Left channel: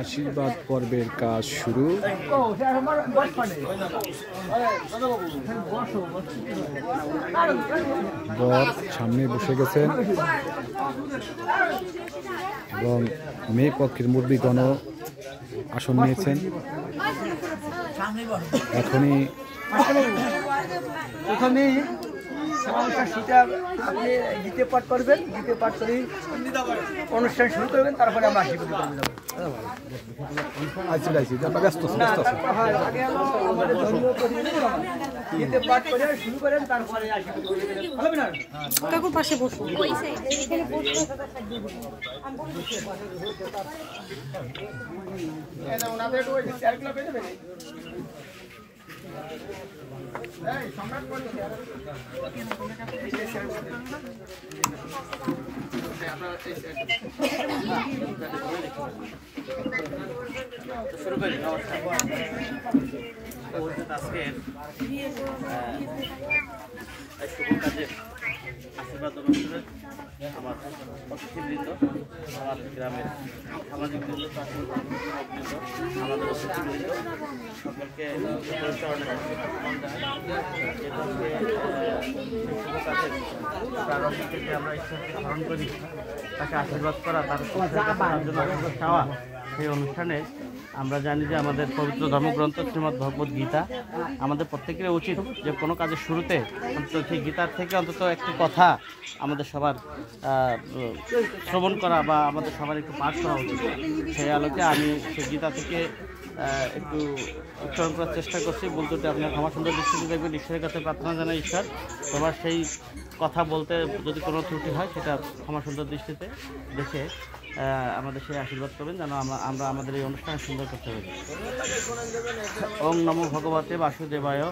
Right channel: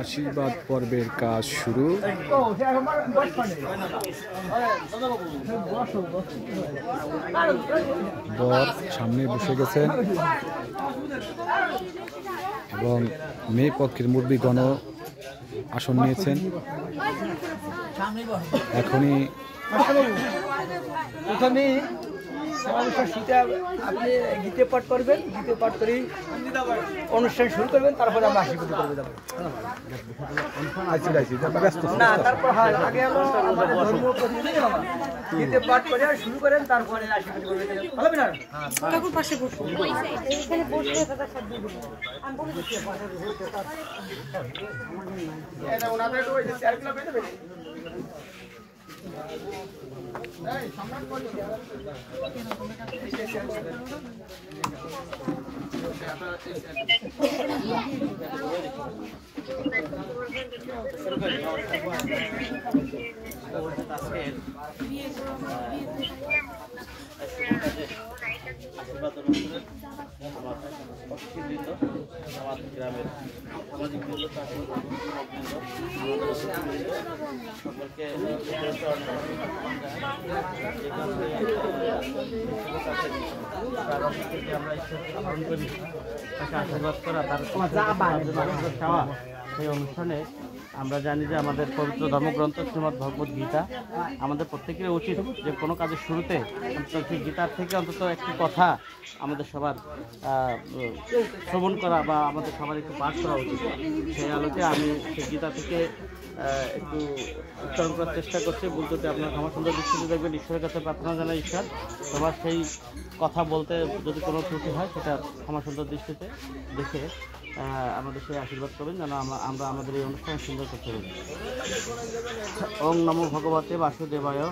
আশীর্বাদ পর্বের কাজ শুরু। বর সামনে বসে গেছেন এবং মেয়ে পক্ষের মুরব্বিগণ আসন নিয়েছেন। এখনই আপনি গীতে পাঠ করবেন, গীতে পাঠ করে অনুষ্ঠান শুরু করবেন, তারপরে আমরা আশীর্বাদ করবো। গীতে পাঠ করে শুরু করেন, তারপরে হবে না পাশে বসুন। ওনাদের চেয়ারগুলো পেয়ে যাবে না। শুরু করি। নমস্কার। আজকের শুভ কাজের আশীর্বাদ অনুষ্ঠানের আমার অতিথিবৃন্দ, আমার গ্রামের সামাজিক বৃন্দ, যুবকবৃন্দ, আমাদের অতিথিবৃন্দ সকলকে প্রারম্ভ থেকে আমরা ঈশ্বরকে স্মরণ করি, তাকে আশীর্বাদ করা, তার আশীর্বাদ চাওয়া। সেই অনুষ্ঠানে আমরা জানি যে আমাদের পবিত্র ধর্মগ্রন্থ শ্রীমদ্ ভগবত গীতা, আমাদের প্রত্যেকের উচিত যে কোনো কাজের শুরুতে অন্তত সেই গীতার থেকে অন্তত একটি কথা আমাদের সবার শ্রবণ করা বা আমাদের সবার একটু পাঠ করা উচিত। সেই আলোকে আমি সেই গীতা থেকে একটু উচ্চারণ করার চেষ্টা করছি। বলতে আপনার ক্ষমা সুন্দর দৃষ্টিতে দেখবেন, ঈশ্বরের কাছে প্রার্থনা জানাই ঈশ্বর সবার সেই কথা বলতে যদি কোনো ত্রুটি হয় সেটা ক্ষমা সুন্দর দৃষ্টিতে দেখে আমাদের সেই আশীর্বাদ করবেন যেন আমরা আমাদের এই অনুষ্ঠান সুন্দর করতে পারি। ওং নমো ভগবতে বাসুদেবায়,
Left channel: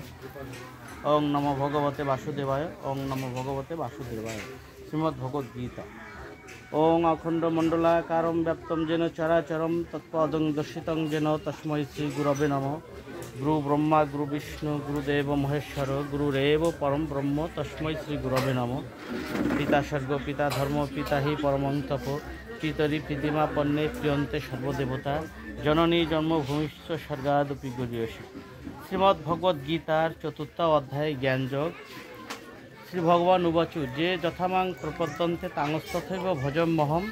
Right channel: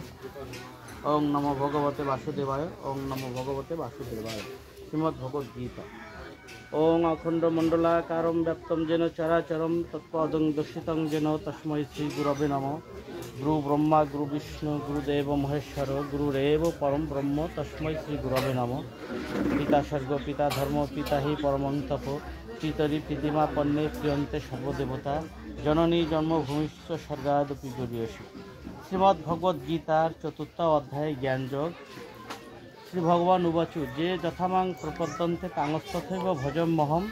ওং নমো ভগবতে বাসুদেবায়, ওং নমো ভগবতে বাসুদেবায়। শ্রীমদ্ ভগবদ গীতা। ওং অখণ্ড মণ্ডলাকারম ব্যাপ্তম যেন চরাচরম তৎপদং দর্শিতং যেন তস্मै শ্রী গুরবে নমঃ। গুরু ব্রহ্মা গুরু বিষ্ণু গুরুদেব মহেশ্বর গুরুরেব পরম ব্রহ্ম তস্मै শ্রী গুরবে নমঃ। পিতা স্বর্গ পিতা ধর্ম পিতা হি পরমং তপ পিতরি কৃতিমা পণ্যে প্রিয়ন্তে সর্বদেবতা জননী জন্মভূমিষ্ঠ স্বর্গাদপি গরীয়সী। শ্রীমদ্ ভগবদ গীতার চতুর্থ অধ্যায় জ্ঞানযোগ। শ্রী ভগবান উবাচু যে যথামাং প্রপদ্যন্তে তাঙস্তথৈব ভজম মহম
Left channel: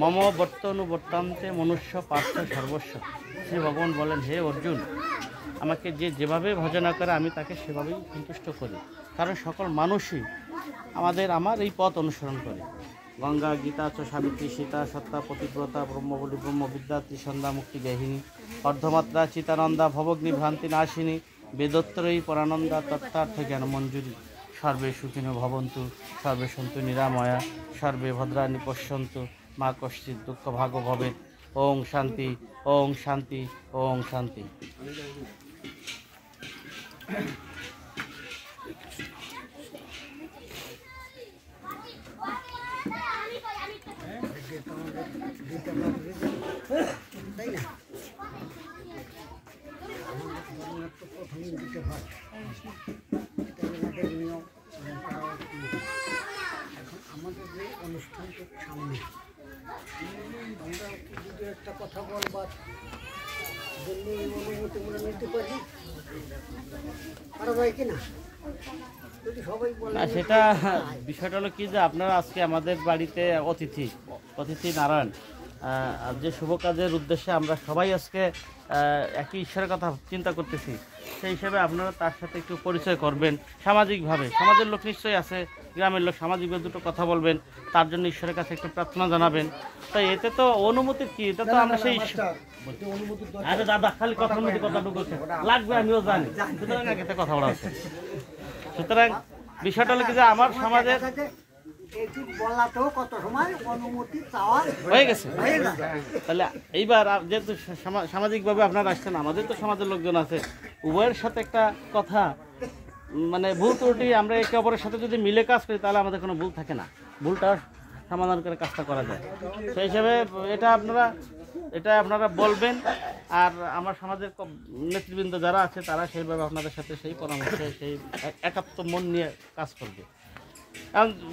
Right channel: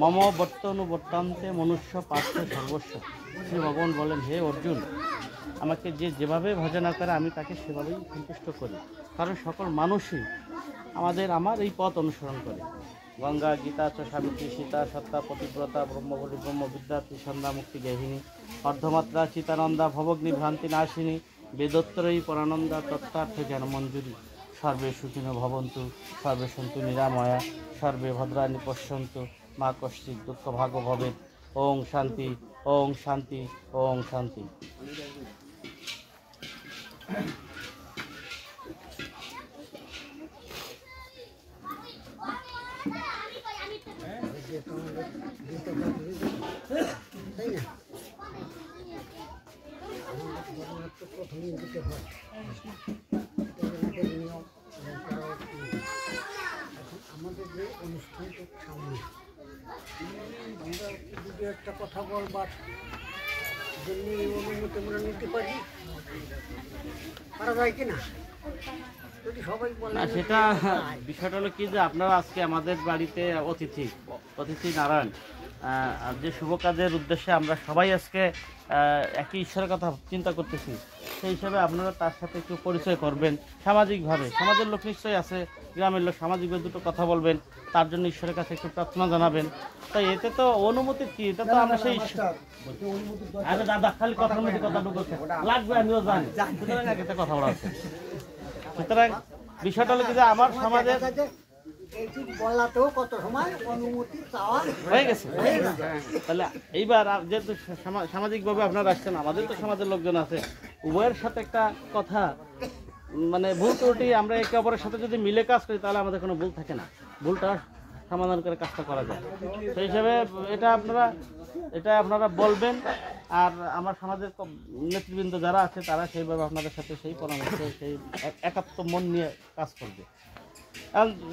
মম বর্তনুবর্তন্তে মনুষ্য পার্থ সর্বস্ব। শ্রী ভগবান বলেন, হে অর্জুন, আমাকে যে যেভাবে ভজনা করে আমি তাকে সেভাবেই সন্তুষ্ট করি, কারণ সকল মানুষই আমার এই পথ অনুসরণ করে। গঙ্গা গীতা চ সাবিত্রী সীতা সত্তা পতিব্রতা ব্রহ্মবলী ব্রহ্মবিদ্যা ত্রিসন্ধ্যা মুক্তি গেহিনী অর্ধমাত্রা চিতানন্দা ভবগ্নি ভ্রান্তি নাশিনী বেদোত্তরী পরানন্দা তত্ত্বার্থ জ্ঞান মঞ্জুরি। সর্বে সুখিনো ভবন্তু সর্বে সন্তু নিরাময়া সর্বে ভদ্রাণি পশ্যন্তু মা কশ্চিৎ দুঃখ ভাগ ভবেৎ। ওং শান্তি, ওং শান্তি, ওং শান্তি। আমাদের যে অনুষ্ঠানটার সামনে আমরা যদি একটা কথা বলবার জন্য এই অনুমতি আমরা নিতে পারি, পারা যায় কিনা? যদি সবাই বলে সেটা বিষয়টা হলো কি যে আপনারা আজকে আমাদের বাড়িতে অতিথি নারায়ণ, যে শুভ কাজের উদ্দেশ্যে আমরা সবাই আজকে একই ঈশ্বরের কথা চিন্তা করতেছি, সেই হিসাবে আপনারা তার সাথে একটু পরিচয় করবেন সামাজিকভাবে। সমাজের লোক নিশ্চয়ই আছে, গ্রামের লোক সামাজিকভাবে দুটো কথা বলবেন, তার জন্য ঈশ্বরের কাছে একটু প্রার্থনা জানাবেন। তাই এতে তো অনুমতি কি, এটা তো আমরা সেই আরে দাদা খালি কথার মধ্যে কথা বলছে লাগবে, আমিও জানি, সুতরাং একটা কথা বলা আছে। সুতরাং বিষয়টা হলো কি যে আমার সমাজের হয়ে গেছে। তাহলে এইবার যেহেতু সামাজিকভাবে আপনারা আসছেন, আমাদের তো সমাজের লোকজন আছে, উভয়ের সাথে একটা কথা মানে ভুল ত্রুটি আমরা একে অপরের সাথে যদি মিলে কাজ করি তাহলে আমাদের কোনো ভুল থাকে না, ভুলটা সমাধান করে কাজটা করা যায়। সেই হিসাবে এটা আপনারা বলবেন, আর আমার সমাজের নেতৃবৃন্দ যারা আছে তারা সেইভাবে আপনাদের সাথে সেই পরামর্শে সেই একাত্ম মন নিয়ে কাজ করবে।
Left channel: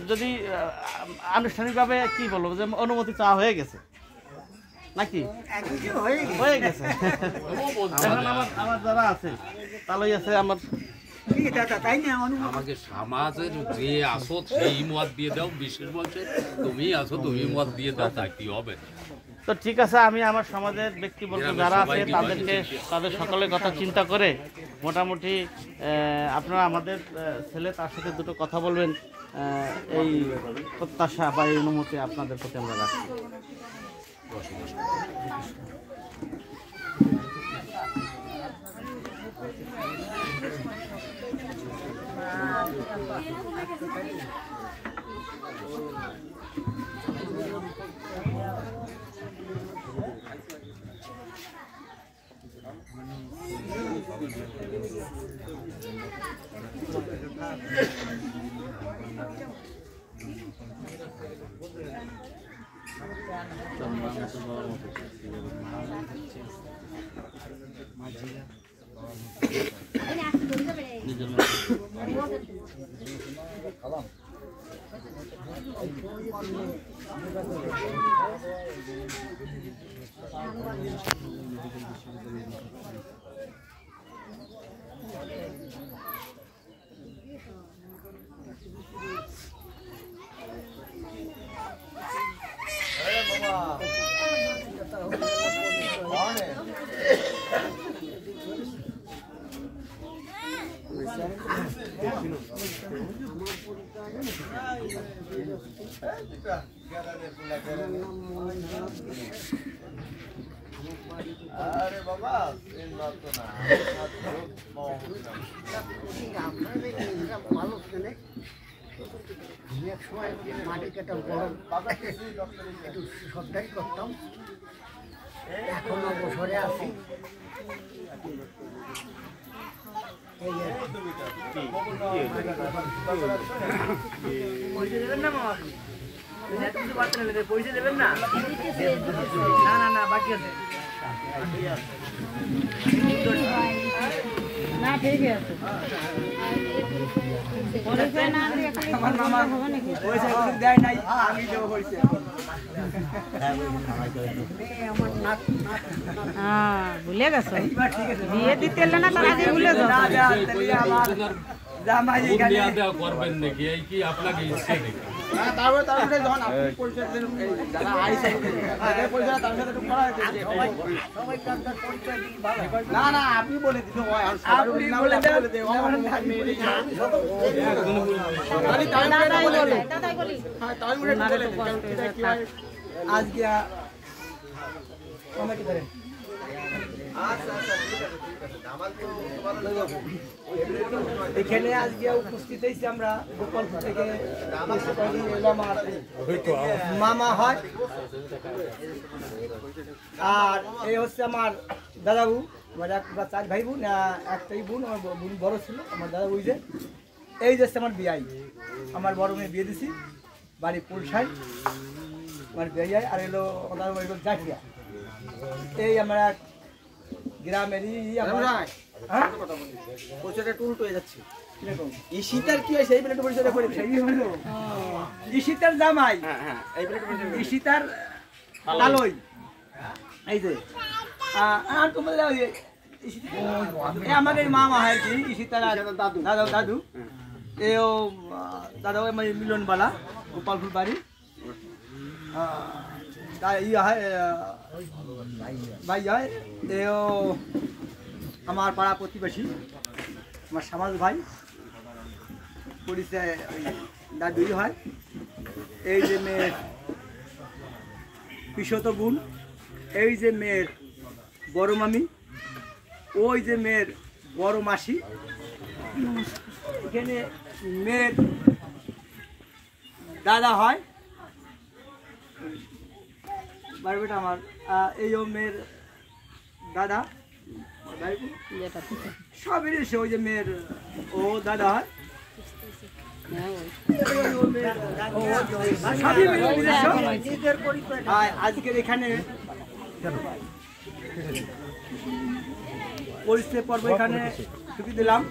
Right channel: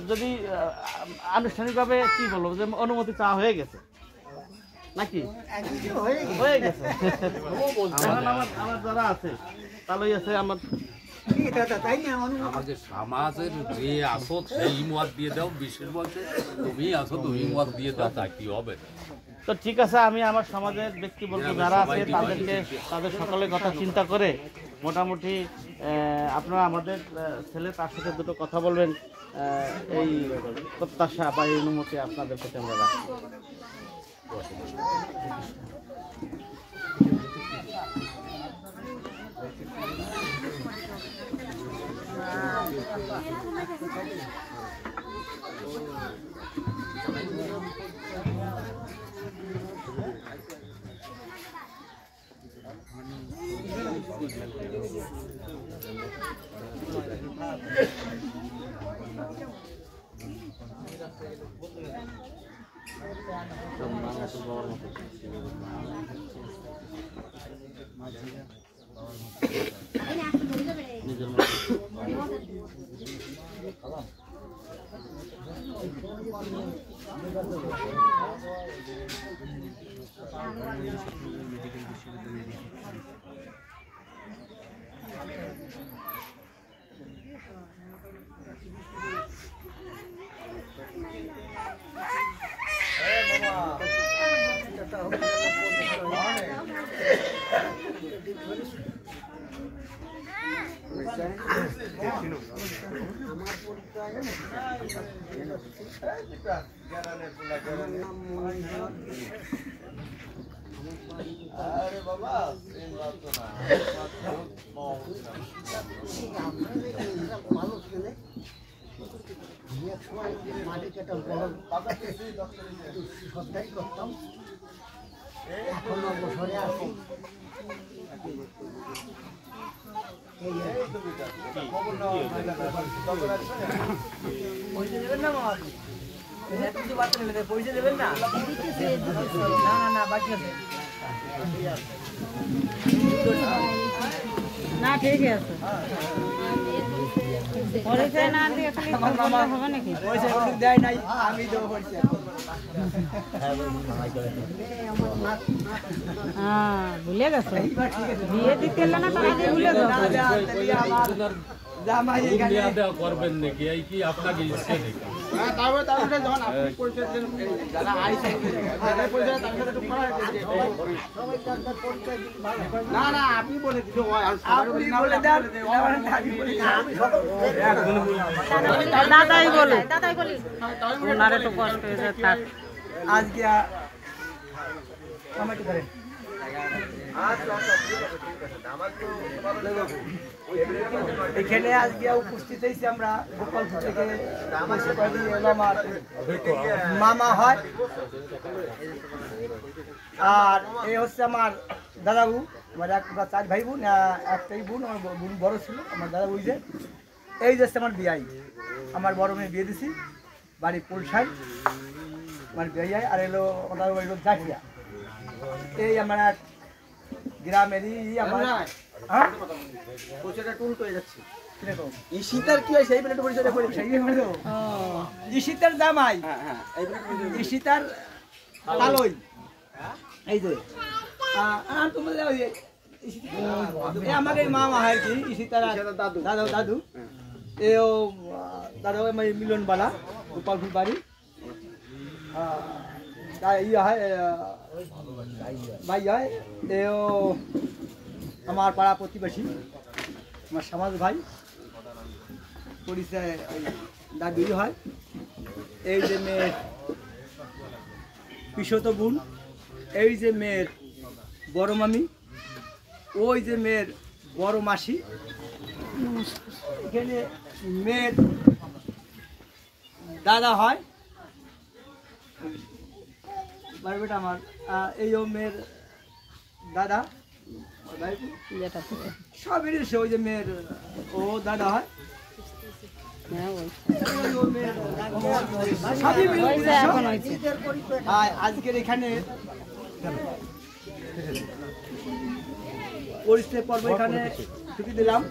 যদি আনুষ্ঠানিকভাবে কি বলবো যে অনুমতি চাওয়া হয়ে গেছে, নাকি একদিকে হয়ে গেছে। হয়ে গেছে এখন আমার যারা আছে তাহলেই আছে আমার কি দাদা, তাই না? অনুমতি আমাকে সমাজের যে আসো সেই মত দিয়ে দাও, বিশেষ বলছে তুমি আসো তুমি মত দিয়ে দাও, তা কি হবে? তো ঠিক আছে, আমি আমার সমাজের ব্যক্তিবর্গ যারা আছে তাদের সকলের কথা চিন্তা করে মোটামুটি আপনারা আমাদের ছেলে তার সাথে দুটো কথা বলবেন, এই প্রত্যাশা বা এই অনুমতি আপনাদের প্রতি আমরা রাখি। আরে বাবা ভালো কেনে আমি এক সময় মাটি কাটা বড় একটু সরকারি করতাম, এখন অবসরে আছি। এই আর না ঠিক আছে পরিচয় না দিয়ে খালি হবে নাকি আমার নাক হ্যাঁ ভুলে গেছো বিয়ে দিতে এলে না তার আগে ভুলে যাও করবেন নাকি এই কি আপনাকে ইচ্ছে নাকি? সবাই তার পরিচয় দিলে ভালো। না না আপনি বলে দিতে হয় আর আপনি বলে দেন, আমি বলি না, আমি সকল দাদাই বলে দাদাই বলি ওনারে তো কষ্ট হয়েছে থাক আজকে কমেন্ট করেন। এখানে আজকে উপস্থিত হয়েছি আমরা গোপালপুর থেকে, এলাম আর মামা হয়, আর এই হচ্ছে আমার দাদাবু, আমার একটা 4 ভাই বোন, একটাই বোন, আমার বোন বড় ছিল, আমার দাদাবু যে এই যে হচ্ছে আমার বিয়াই, আমার বড় মেয়ে বিয়ে দিছি, বাড়ি পুলসাই আমার বিয়াই, আর এলো আমার বাড়ি জাকিয়া। এই আমার এক গ্রামেরই আমার ঈশিতার কি হয় সেই বলে তো পরিচয় করে ঈশিতার জামাই, ঈশিতার লালই, এই যে আর তোমার আমাদের মামা হয় আর কি, ঈশিতার দাদা দাদু, এও দাদা আমার মিলনবালা গোপালপুর বাড়ি, ইয়ে হয় ভাই হয়, এও আমার পাড়া প্রতিবেশী, আমার সমাজ ভাই, পরিচয় ওই দাদুই হয়। এই যে মেয়ের পিসত বোন, এই যে মেয়ের বড় মামি, ওই যে মেয়ের বড় মাসি, এখানে মেয়ের দাদা হয়, বারবেটা আমার, এইও মেয়ের দাদা, সবই সে ওই যে মেয়ের ও দাদা হয়, আজকের এখানে পরিচয় পর্ব এখানে ছুটি দিলাম।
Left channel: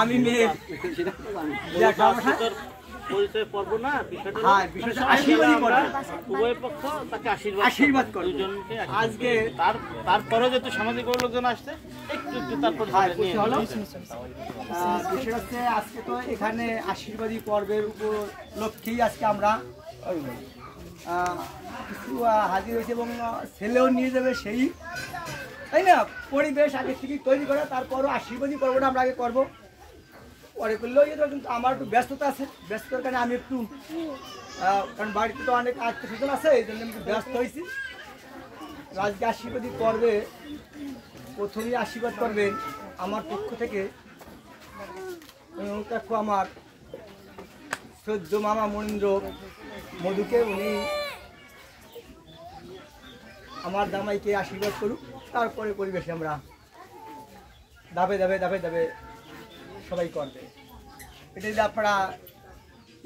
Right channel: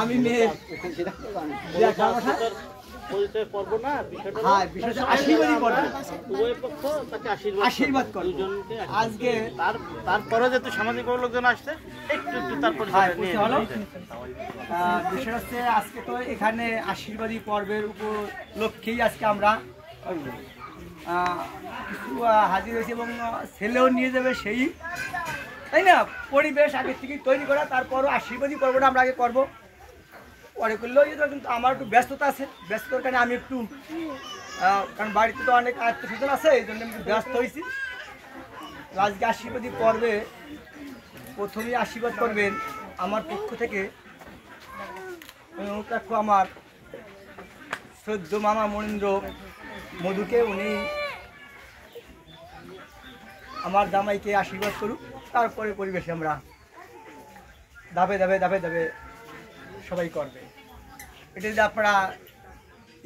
আমি মেয়ের পরিচয় পর্ব না, বিষয়টা হ্যাঁ বিষয়টা আশীর্বাদই করবে, উভয় পক্ষ তাকে আশীর্বাদ করবে। দুজনকে আজকে তারপরে যেহেতু সামাজিক লোকজন আসছে একটু তার পরিচয় নিয়ে হলো বিষয় হচ্ছে আজকে তো এখানে আশীর্বাদী পর্বের উপলক্ষেই আজকে আমরা কিছু হাজির হয়েছি এবং ছেলেও নিয়ে যাবে সেই, তাই না? পরিবেশ আগে থেকেই তৈরি করা, তারপরও আশীর্বাদী পর্বটা আমরা আগে করবো, পরে করলেও কিন্তু আমার একটু ব্যস্ততা আছে, ব্যস্ততার কারণে আমি একটু কারণ বাড়িতে তো অনেক আত্মীয় স্বজন আছে, এই জন্য আমি একটু ব্যস্ত হয়েছি। আজকে আশীর্বাদী পর্বে প্রথমেই আশীর্বাদ করবেন আমার পক্ষ থেকে আমার শ্রদ্ধ মামা মনীন্দ্র মধুকে, উনি আমার জামাইকে আশীর্বাদ করুক, তারপরে পরিবেশে আমরা ধাপে ধাপে ধাপে ধাপে সবাই করবে। এটা যদি আপনারা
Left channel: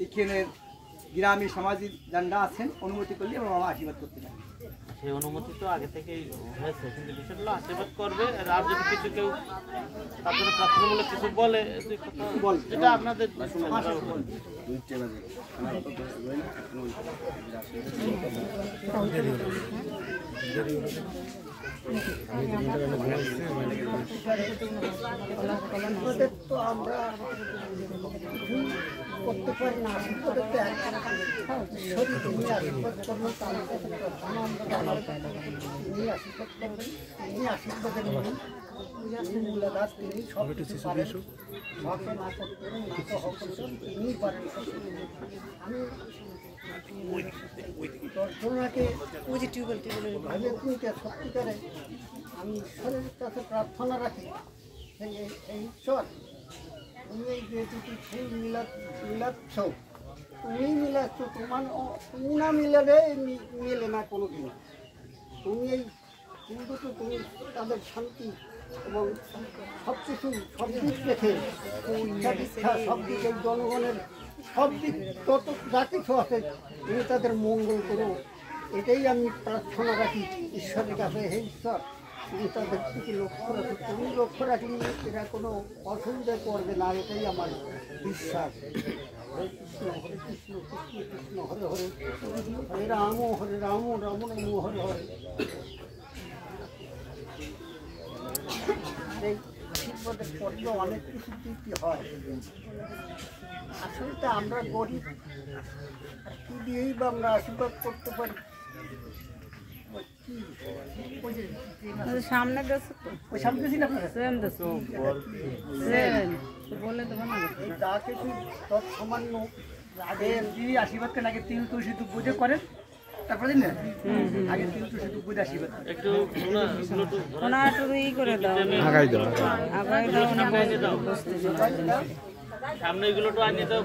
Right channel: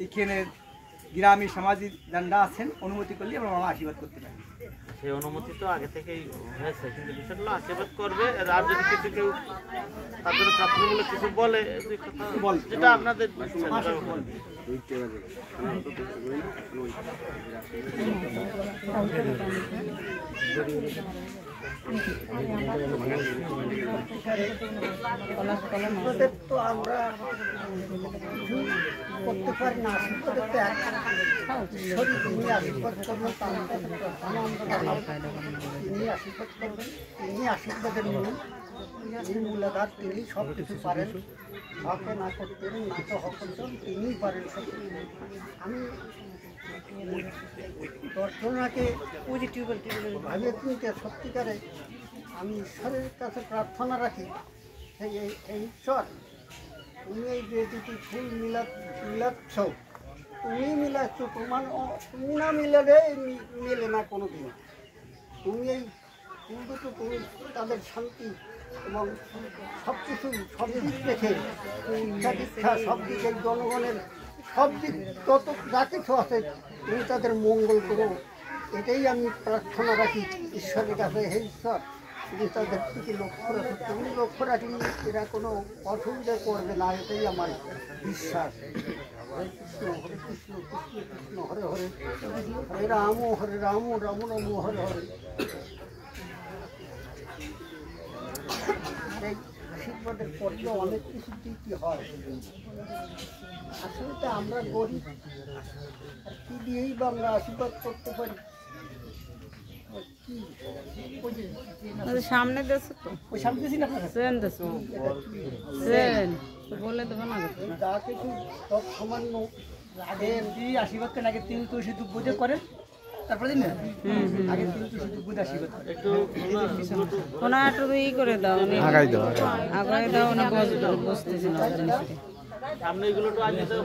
এখানে গ্রামী সামাজিক যারা আছেন অনুমতি করলে আমরা আশীর্বাদ করতে পারি। সেই অনুমতি তো আগে থেকেই হয়েছে, কিন্তু বিষয়টা হলো আশীর্বাদ করবে। আর যদি কিছু কেউ তার জন্য প্রার্থনামূলক কিছু বলে, যেটা আপনাদের তো আমরা কিছুই করতে পারি না, আশীর্বাদের তো এক শরীর, তিনি আশীর্বাদ করবেন, তার কাছে প্রার্থনা আমরা জানাবো, তিনি আশীর্বাদ করবেন, তিনি আশীর্বাদের নিয়ম, তিনি মূলাধার, তিনি সব কিছু পারেন, হকে না করতেন না তো হক করতেন, তিনিই পারেন সব। আমি দর্শনাকে ভাবে চিনতে সত্যিকারে আমি ঈশ্বরের কাছে প্রার্থনা রাখি, সেই এই ঈশ্বর তুমি এই যে দুটি ফুল মিলাচ্ছ, তুমি মিলাচ্ছ, তুমি না মিলালে মেলে না কোনো দিন। তুমি এই ফুল দুটো, তুমি তাদের শান্তি এবং সব কিছু সব দিক দেখে, শিক্ষা দীক্ষা সব দিকে, জনগণের সব দিক তত যা কিছু আছে তুমি তাদের মঙ্গল করো, এটাই আমি প্রার্থনা রাখি ঈশ্বরের কাছে। হে ঈশ্বর, তুমি তাদের দিকে লক্ষ্য রাখো, তুমি লক্ষ্য রাখলে এরা কোনো অসুবিধা করবে না, এটাই আমার বিশ্বাস। হরে কৃষ্ণ কৃষ্ণ কৃষ্ণ হরে হরে, হরে রাম রাম রাম হরে হরে। এই আশীর্বাদের পর্ব অনেক কিছু দিতে হয়, আসলে তো আমরা গরিব, আর কি দিয়েই বা আমরা আশীর্বাদ করতে পারি? সামনে দেশে তো ওই সামনে দিয়েছি না আপনার ট্রেন দেশে বলে দেবো না, যা কিছু সব সামান্য আগে এমনি আশীর্বাদ কেন, আগে তিল তুলসী দুধ বুঝে করেন, তারপরে দিন না আগে তিল তুলসী দুধ বুঝে আশীর্বাদ একটু ওনাটু ই করে দাও, আগাই দাও, আগাই দাও, উনি বুঝতেছি না। সামনে এগুলো তো আগে তো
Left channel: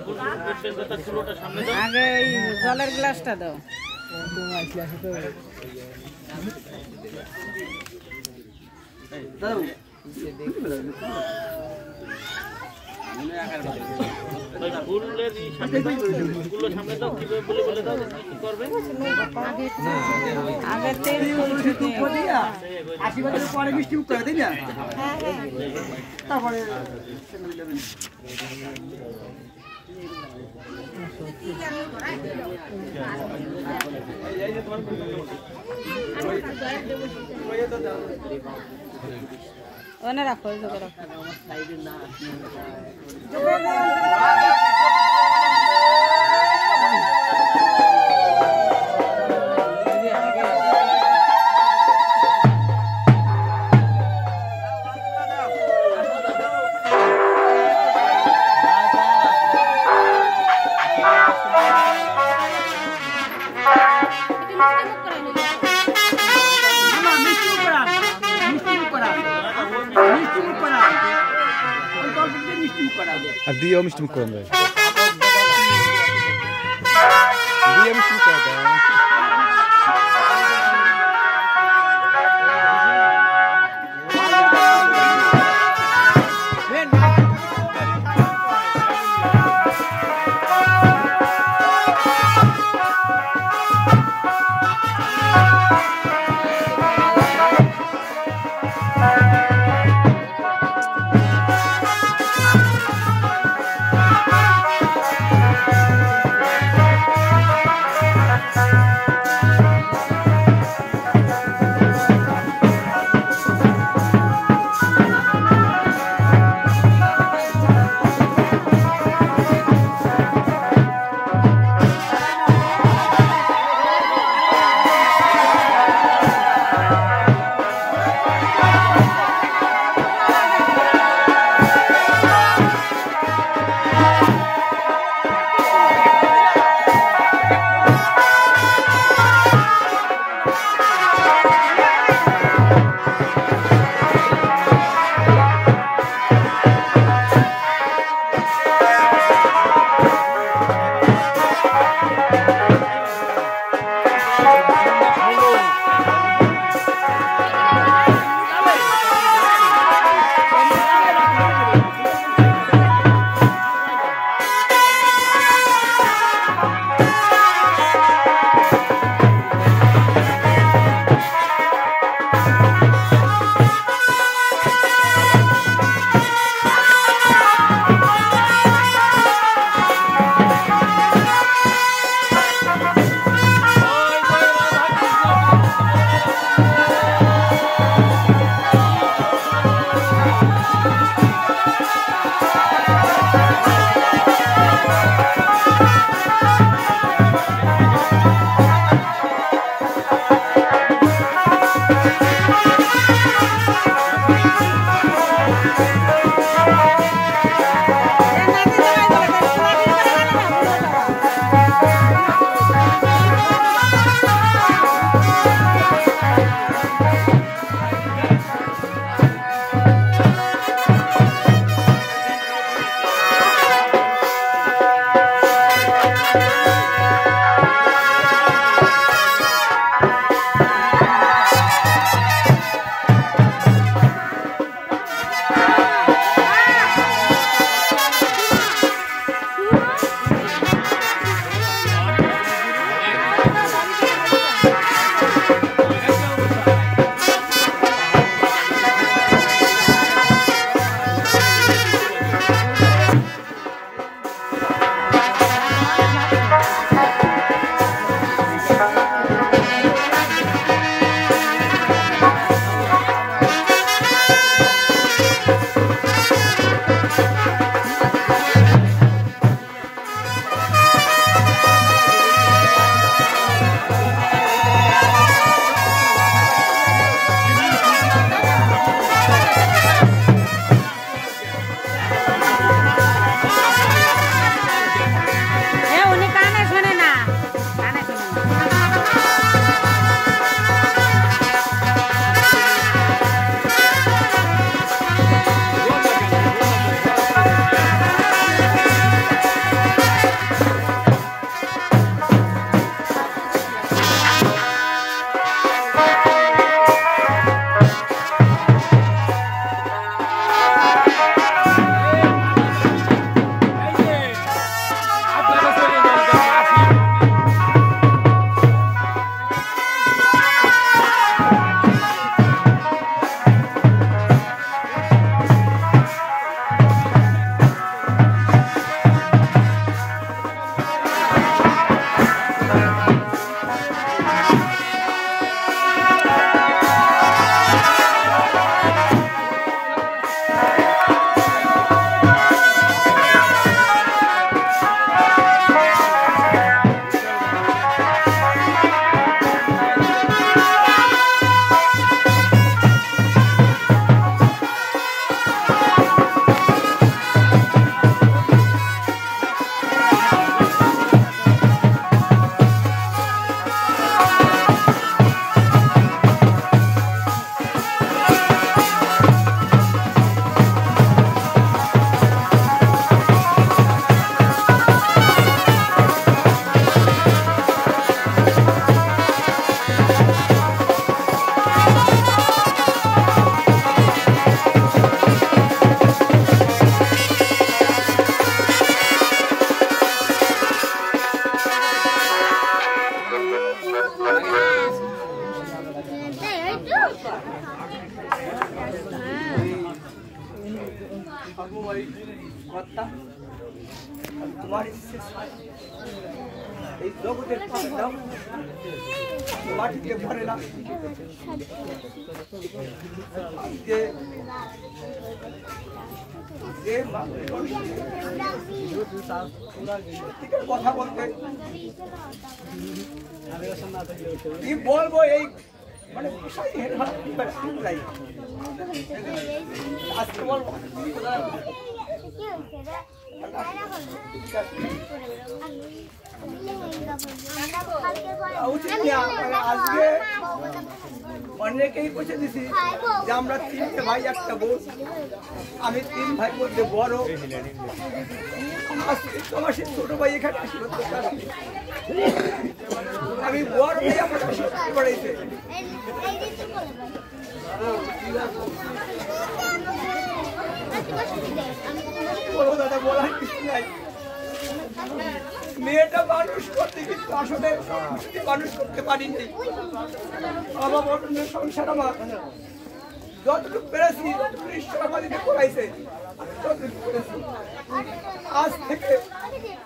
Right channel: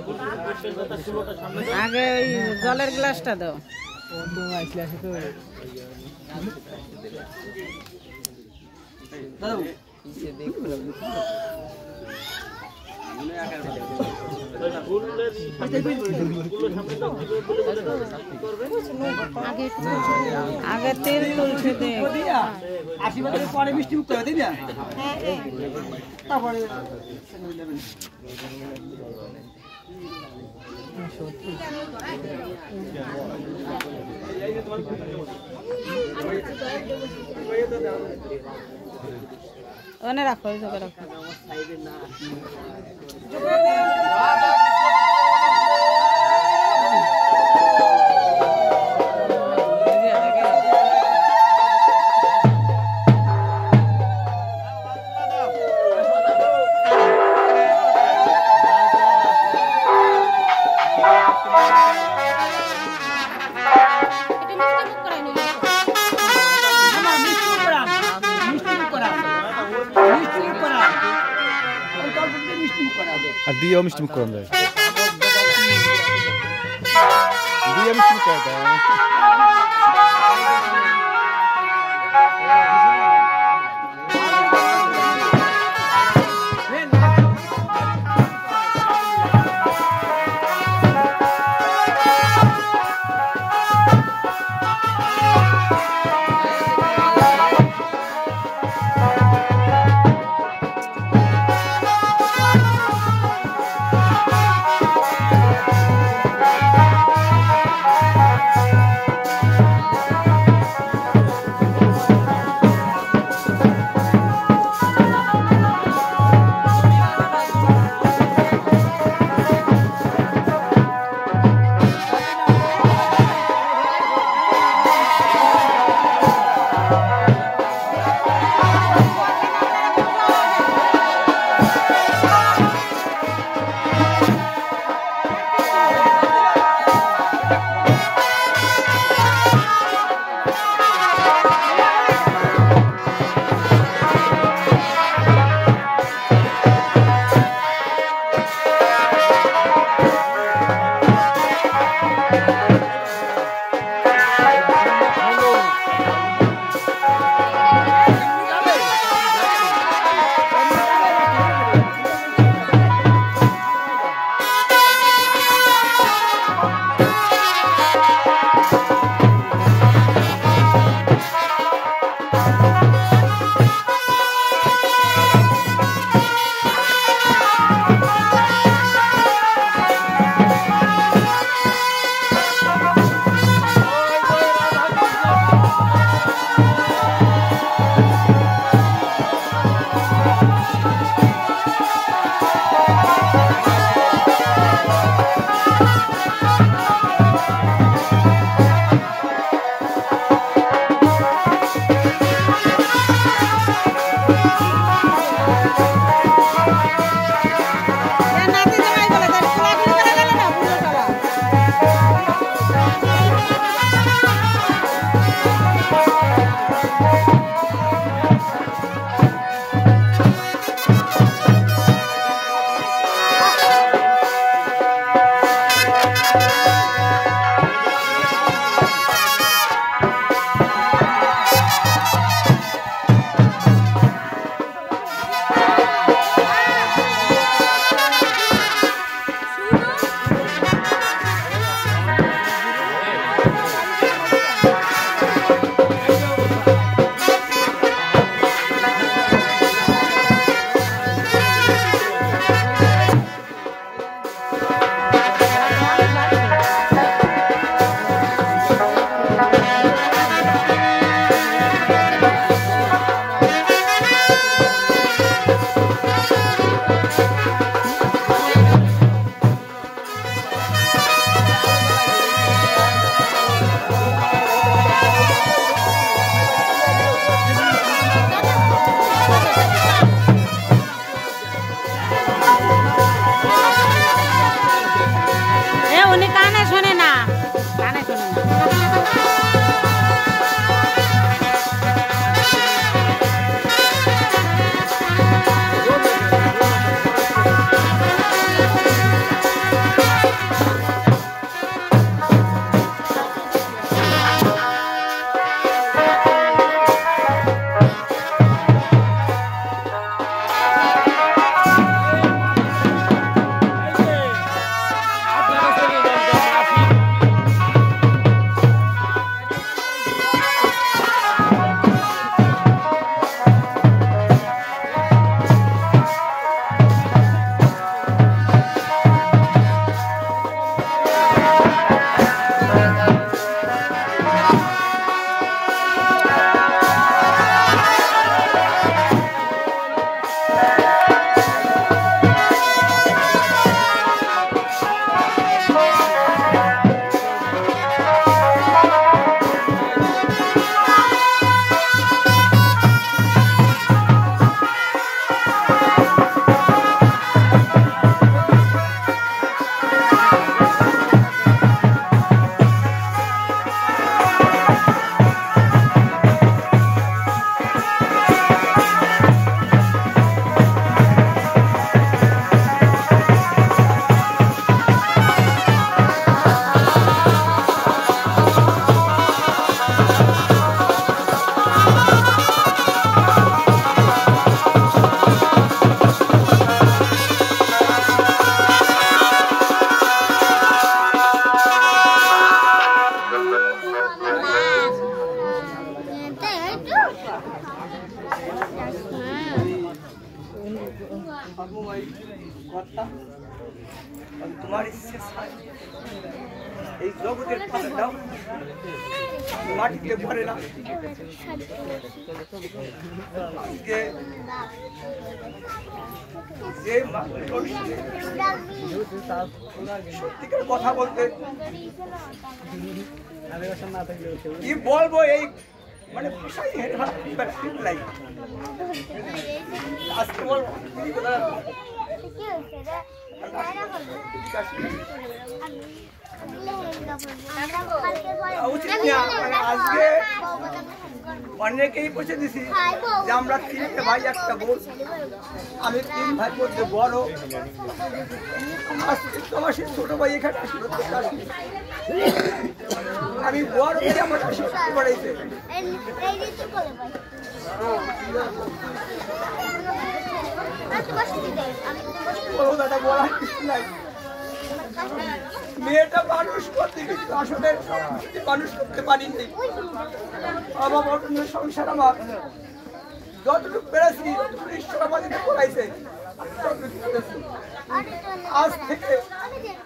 ফুলটা সামনে দাও। আগে এই জলের গ্লাসটা দাও। দাদু ওই ফুলের সামনে দাও, ফুলের সামনে দাও, কিভাবে বলে বলে দাও কি করবে। আগে তেল তুলছে দিয়ে আশীর্বাদের পরে মিষ্টি মুক্ত হয়, তাই না? তারপরে ওনে রাখো, এই জায়গায় রাখো। আর দিয়ে মিষ্টি মুখ করান যায়, দিয়ে মিষ্টি মুখ করা যায়। তোমার ইচ্ছে এই জগতের পাশে দাও মাটিতে ভরে না আজকে যে সত্যিকার কথা বলতে কি বলবো এই মানে আজকে বলবো উচিত না মানে আজকে অনেকেই পৌঁছে দিছি যে আমরা 3 ভাই একটা বোন আমি 3 ভাই মধ্যে বড় তোমার সে ছোট ভাই এখানে আমি বড় আমার পড়াইছে বলো দাদা বলার কিছু নাই মেয়েটা মানুষ করতে কিন্তু আসলে মানুষ করতে পারিনি বাবা বটনের সংসার আমার যতটুকু পেরেছি যতটুকু ঈশ্বর আমাদেরকে করাইছে আজ থেকে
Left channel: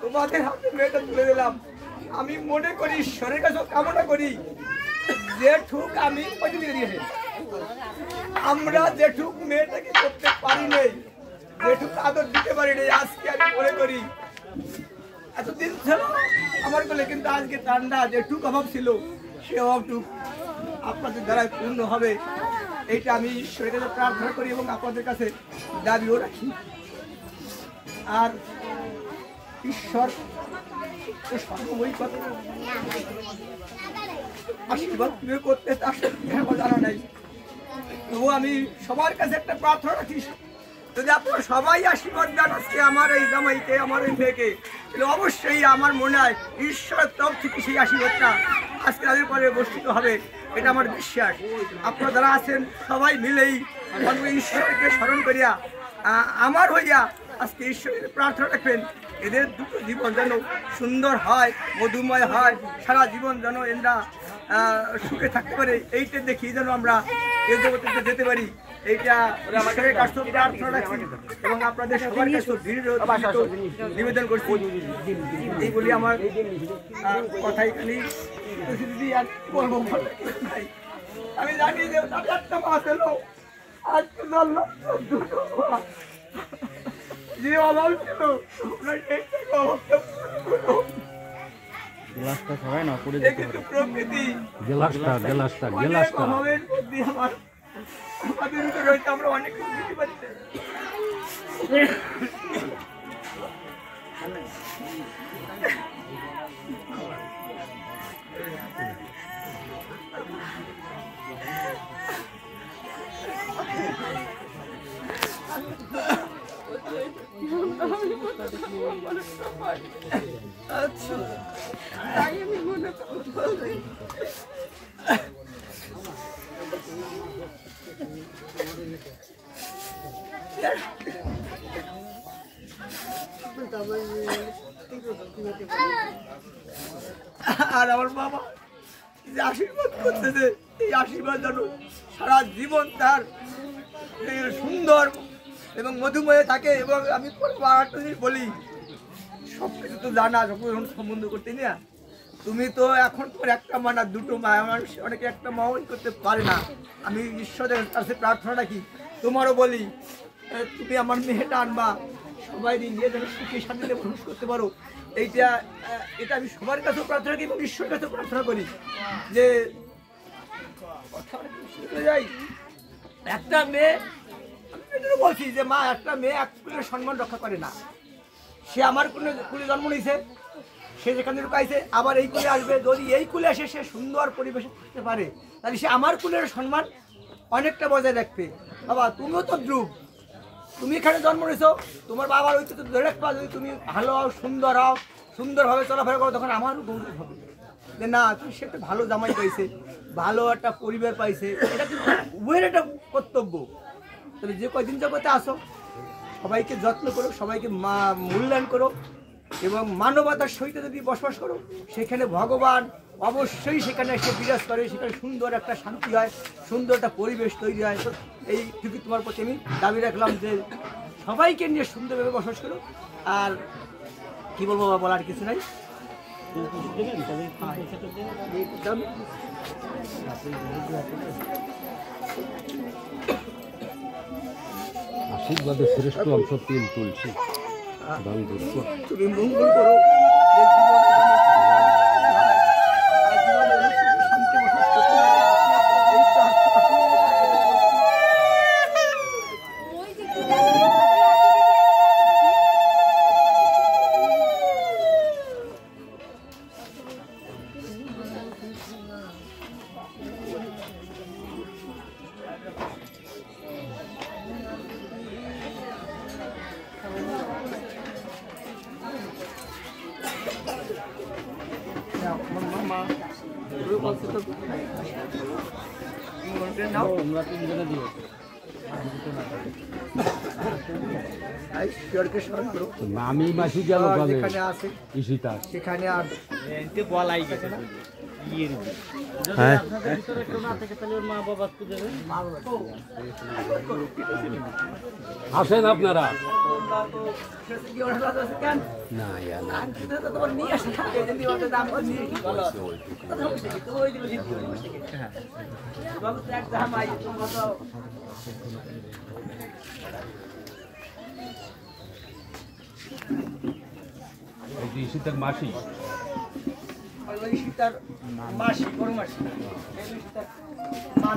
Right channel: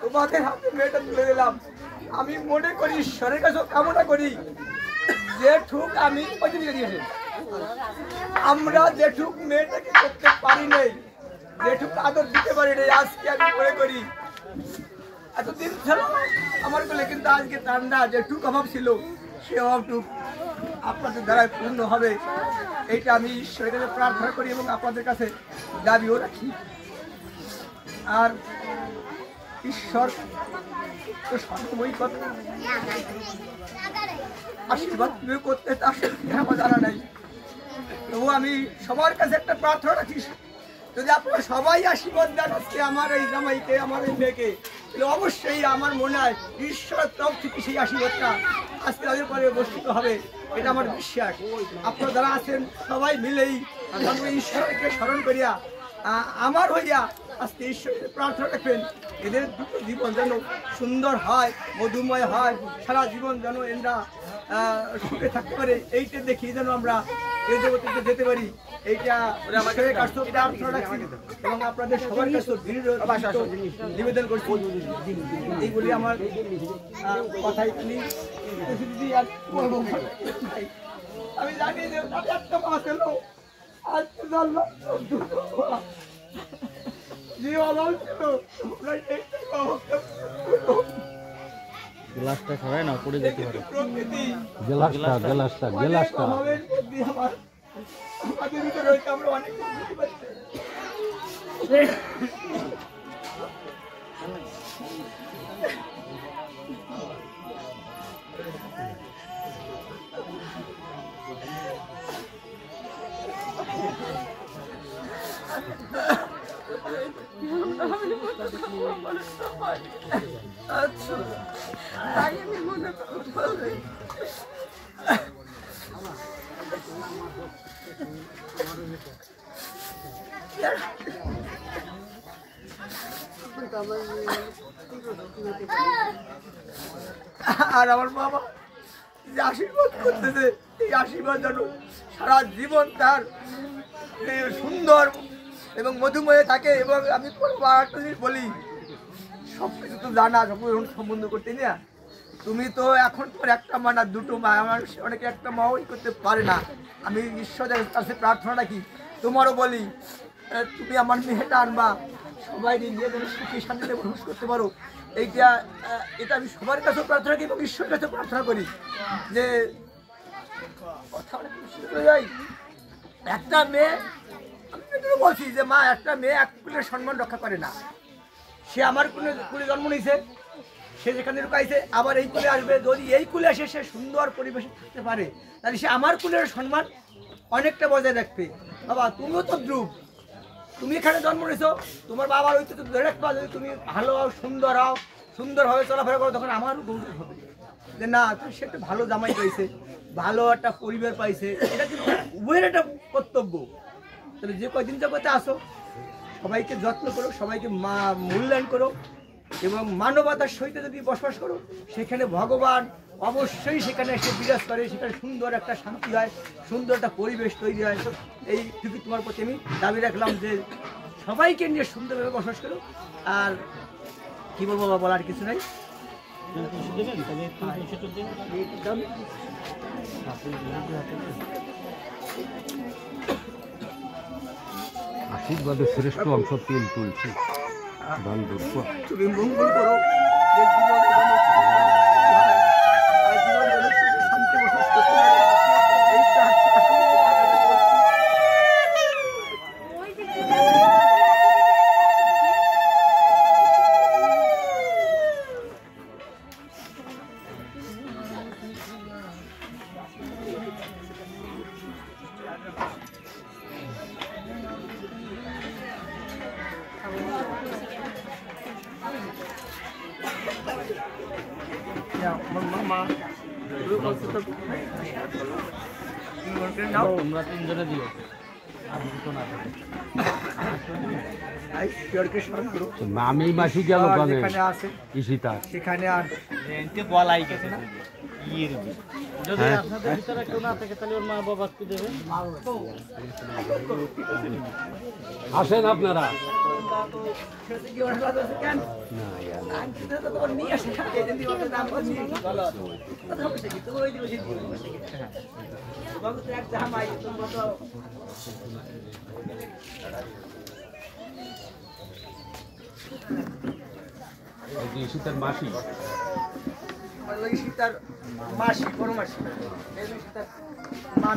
তোমাদের হাতে মেয়েটা তুলে দিলাম আমি মনে করি ঈশ্বরের কাছে কামনা করি যেটুক আমি দিয়েছি আমরা যেটুক মেয়েটাকে করতে পারি নাই যেটুক আদর দিতে পারি নাই আজকে আমি মনে করি এতদিন ছিল আমার বলে কিন্তু আজকে ঠান্ডা যেটুক অভাব ছিল সে অভাবটুক আপনাদের দ্বারাই পূর্ণ হবে এইটা আমি ঈশ্বরের কাছে প্রার্থনা করি এবং আপনাদের কাছে দাবিও রাখি আর ঈশ্বর তো সর্বময় কথা আশীর্বাদ কিভাবে করতে তার আমার জানা নাই তবু আমি সবার কাছে একটা প্রার্থনা রাখি যদি আপনারা সবাই আশীর্বাদ দেন আজকে আমার এই জামাইকে আমার এই মেয়েকে তাহলে অবশ্যই আমার মনে হয় ঈশ্বরের তরফ থেকে সেই আশীর্বাদটা আজকে তাদের পরে বর্ষিত হবে এটা আমার বিশ্বাস আপনারা যারা আছেন সবাই মিলেই ঈশ্বরকে স্মরণ করিয়া আমার হইয়া আজকে ঈশ্বরের প্রার্থনা রাখবেন এদের দুটো জীবন যেন সুন্দর হয় মধুময় হয় সারা জীবন যেন এরা সুখে থাকতে পারে এইটা দেখি যেন আমরা এই জগতে যেতে পারি এইটা এবং আপনাদের সবার কাছে নিবেদন করছি এই বলি আমার কথাই খালি আর বলবো আমি জানি যে একটা মাস এলো আজকে জানলাম যে অভাব ছিল প্রকৃতি আমাদের ভিতরে রয়েছে আমরা অনেক কিছু বুঝতে পারছি আচ্ছা তাই আমি মনে করি আর আমার বাবা যে আশীর্বাদ করতেছে এই আশীর্বাদ যেন সারা জীবন তার সুন্দর এবং মধুময় থাকে এবং আমি একটা জিনিস বলি সবকিছু তো জানা সবকিছু সম্বন্ধ করতে না তুমি তো এখন তোমার একটা মা না দুটো মা আমার অনেকে একটা মাও করতে পারে না আমি ঈশ্বরের কাছে প্রার্থনা রাখি তোমারও বলি তুমি আমার মেয়েটা আনবা সবাই নিয়ে যেন সুখী শান্তিতে বসবাস করতে পারো এটা আমি সবার কাছেও প্রার্থনা করি এবং ঈশ্বরের কাছেও প্রার্থনা করি যে কথা যাই একটা মেয়ে আমি বলছি যে মা একটা মেয়ে এক কুলের সম্মান রক্ষা করে না সে আমার কুলে জন্ম নিয়েছে সে যেখানে লুকাইছে আবার এই কুলে আসবে যদি এই কুলে এসে সে সুন্দর পরিবেশে থাকতে পারে তাহলে সে আমার কুলের সম্মান অনেকটা বজায় রাখবে বাবা তুমিও তো ধ্রুব তুমি এখানে জন্ম নিয়েছো তোমার বাবার হইতে তো ধরে রাখবা যদি তুমি ভালো হও সুন্দরভাবে চলাফেরা করো তখন আমারও গৌরব হবে যে না সে একটা ভালো জামাই পাইছে ভালো একটা পরিবার পাইছে এটা কিন্তু উভয়ের একটা কর্তব্য তবে যে কয়দিন জগতে আসো সবাইকে যত্ন করো সবাইকে মূল্যায়ন করো এবং মানবতার সহিত যদি বসবাস করো সেখানে ভগবান অবশ্যই সেখানে এসে বিরাজ করে, সেখানে সুন্দর একটা শান্তি হয়, সুন্দর একটা পরিবেশ তৈরি হয়। এইটুকু তোমার প্রতি আমি দাবি রাখলাম যে সবাইকে নিয়ে সুন্দরভাবে বসবাস করো। আর কি বলবো বাবা, বলার কিছু নাই। আশীর্বাদের শ্রেষ্ঠ অংশ তুলছি তুমি মঙ্গল করো, যে জীবন শান্তি বসবাস করতে পারে। এই প্রার্থনা আমার মামা তুমি বলছো তো নাও, তোমরা তিনজনে দিও। ঈশ্বরকে স্মরণ করো। নামেই মাসি গেল আর যেখানে আছে ইসিতা সেখানে আর গলাই গেছে না যদি আপনাদের ভিতরে কেউ না থাকে তাহলে ওর মা বাবা খুঁজে দেবে। আসেন আপনারা তোমার নিয়ে আসে দাম নিয়ে ইসিতার মাসি সীতার মাসি, বড় মাসি, সীতার মা।